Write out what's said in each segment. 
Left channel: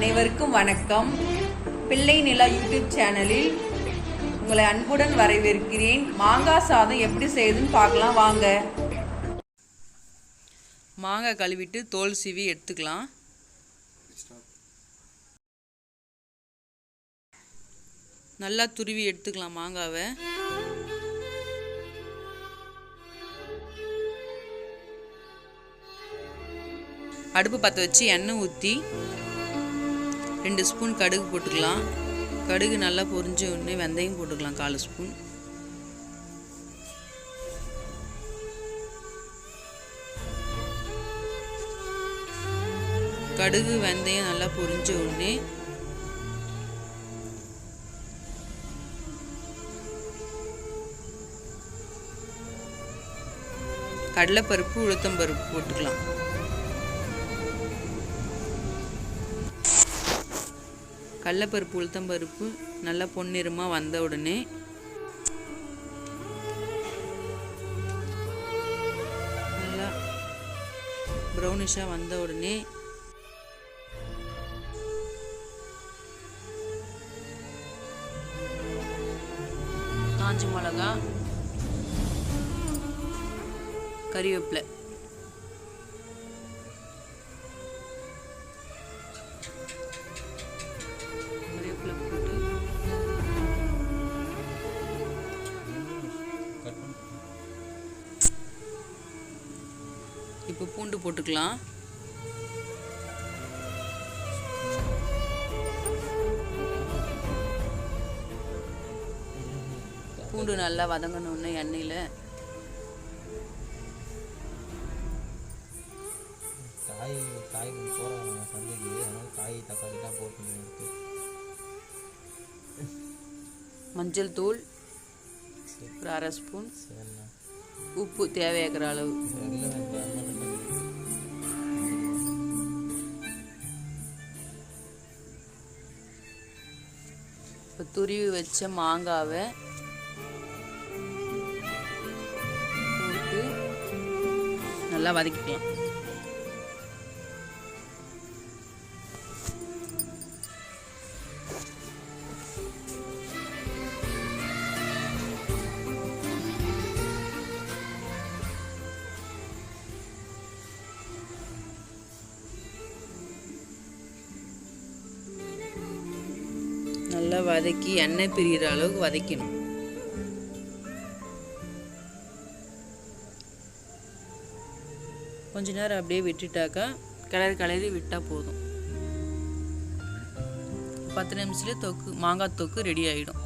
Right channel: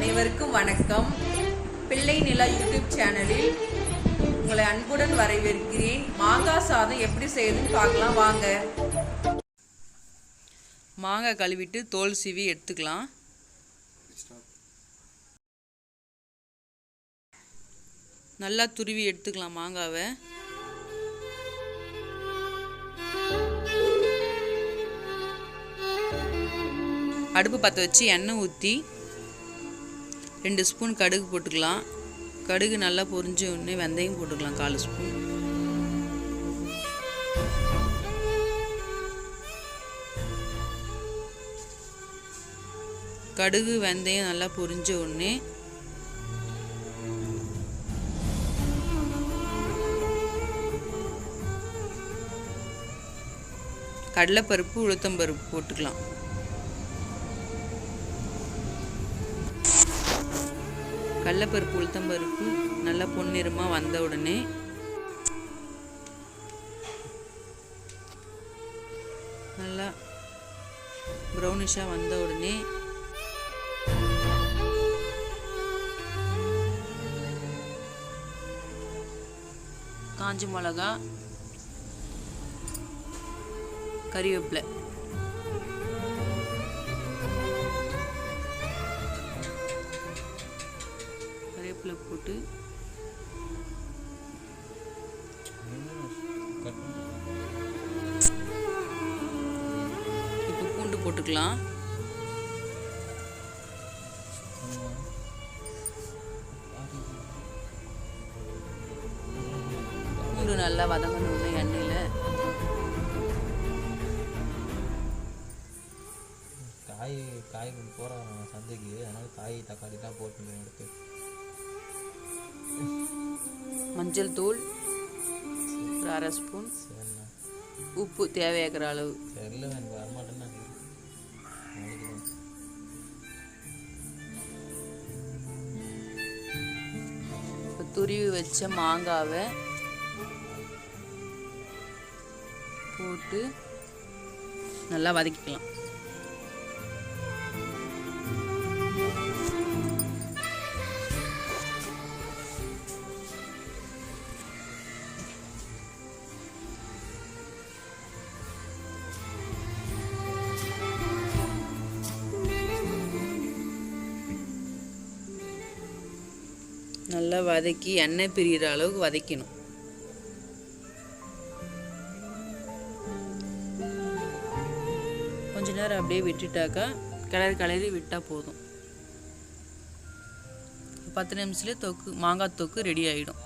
அனைவருக்கும் வணக்கம். பிள்ளை நிலா யூடியூப் சேனலில் உங்களை அன்புடன் வரவேற்கிறேன். மாங்காய் சாதம் எப்படி செய்யுதுன்னு பார்க்கலாம் வாங்க. மாங்காய் கழுவிட்டு தோல் சீவி எடுத்துக்கலாம். நல்லா துருவி எடுத்துக்கலாம் மாங்காவை. அடுப்பு பற்ற வச்சு எண்ணெய் ஊற்றி 2 ஸ்பூன் கடுகு போட்டுக்கலாம். கடுகு நல்லா பொரிஞ்ச உடனே வெந்தயம் போட்டுக்கலாம் 1/4 ஸ்பூன். கடுகு வெந்தயம் நல்லா பொரிஞ்ச உடனே கடலைப்பருப்பு உளுத்தம்பருப்பு போட்டுக்கலாம். கடலைப்பருப்பு உளுத்தம்பருப்பு நல்லா பொன்னிறமாக வந்த உடனே நல்லா ப்ரௌனிஷாக வந்த உடனே காஞ்ச மிளகா, கறிவேப்பிலை, கறிவேப்பிலை போட்டு இப்போ பூண்டு போட்டுக்கலாம். பூண்டு நல்லா வதங்கணுன்னு எண்ணெயில் காய் போகிறாங்க சந்தைக்கு, அதனால் காய் தக்காளி தான் போட்டு எடுத்து மஞ்சள் தூள் ஒரு 1/2 ஸ்பூன், உப்பு தேவையாக்கிற அளவு. இப்போ துருவி வச்ச மாங்காவை போட்டு நல்லா வதக்கிக்கலாம். நல்லா வதக்கி எண்ணெய் பிரிகிற அளவுக்கு வதக்கணும். கொஞ்ச நேரம் அப்படியே விட்டுட்டாக்கா கிளறி விட்டால் போதும். 10 நிமிஷத்துலேயே மாங்காய் தொக்கு ரெடி ஆகிடும்.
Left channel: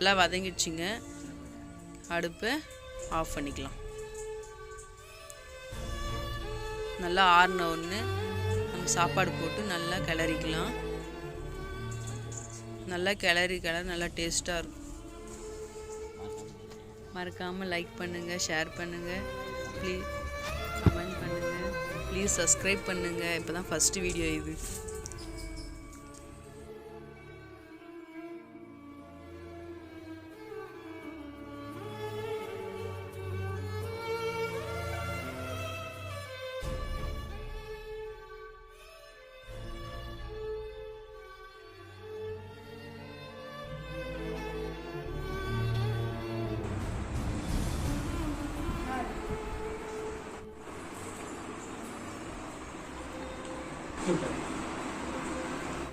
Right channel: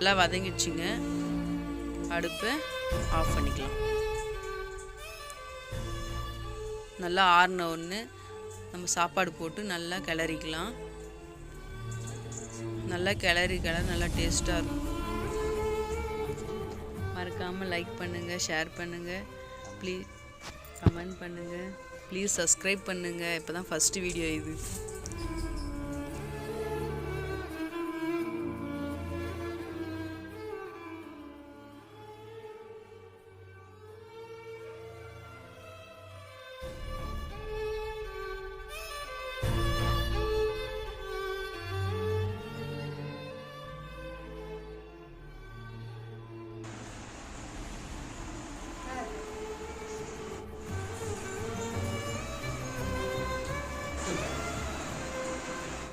நல்லா வதங்கிடுச்சுங்க. அடுப்பை ஆஃப் பண்ணிக்கலாம். நல்லா ஆறின ஒன்று நம்ம சாப்பாடு போட்டு நல்லா கிளறிக்கலாம். நல்லா கிளறி நல்லா டேஸ்ட்டாக இருக்கும். மறக்காமல் லைக் பண்ணுங்கள், ஷேர் பண்ணுங்கள், ப்ளீஸ் கமெண்ட் பண்ணுங்கள், ப்ளீஸ் சப்ஸ்கிரைப் பண்ணுங்கள். இப்போ தான் ஃபஸ்ட்டு வீடியோ இது.